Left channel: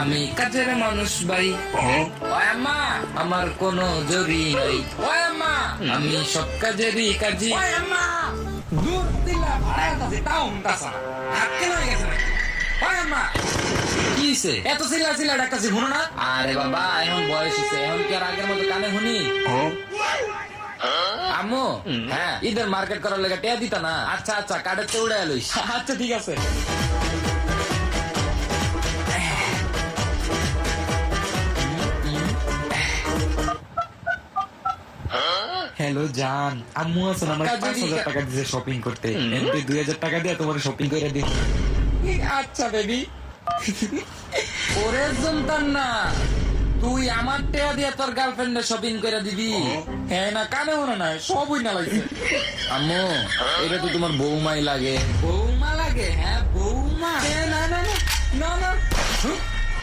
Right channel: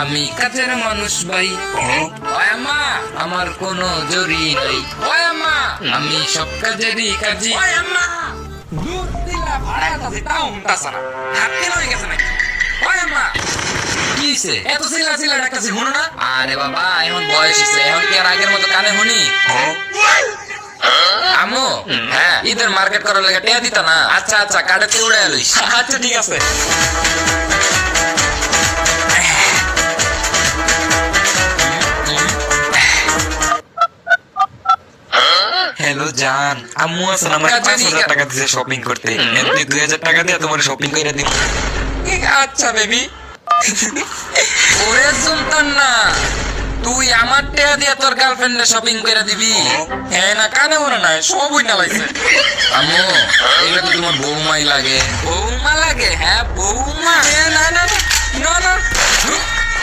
আমি কাজের মানুষ ভাই। ও আম্মা, আমার কোনো জরি নাই। ও আম্মা, আমি সব কাজেরই কাজী। ওই আম্মা দূর দিলা ভাড়া আছে তাও উমতাছ না হাত কেন হয়ে গেছে নাকি ওই আম্মা কিছে? এত চিল্লা চিল্লা ডাকতাছি শুনো না আরে বাবা, এখন বয়স হচ্ছে, এখন কি আর আগের মতো কানে শুনি? আমু, হ্যাঁ, ঈদের মার্কেট করার লাগে টিয়া দিতা না? আচ্ছা আচ্ছা, কাটে তো উড়াই লইস। আচ্ছা ঠিক আছে হ্যালো জান, আম্মু আছে আমরা 5,000 টাকা দিয়ে শপিং করতে, এমনি 2,000 টাকা দিয়ে তোমার শপিং করে দিই। আচ্ছা বেবি ওরে সুলতান না, তুই আমার টিয়া দিয়ে তোর গার্লফ্রেন্ডের শপিং করে দিবি? হ্যাঁ না কানে মনে নাই সবই না লাগছে আম্মু, এটা তো তোমার বৌমাই লাগে। বৌমা লাগে হ্যাঁ বৌমা না না না না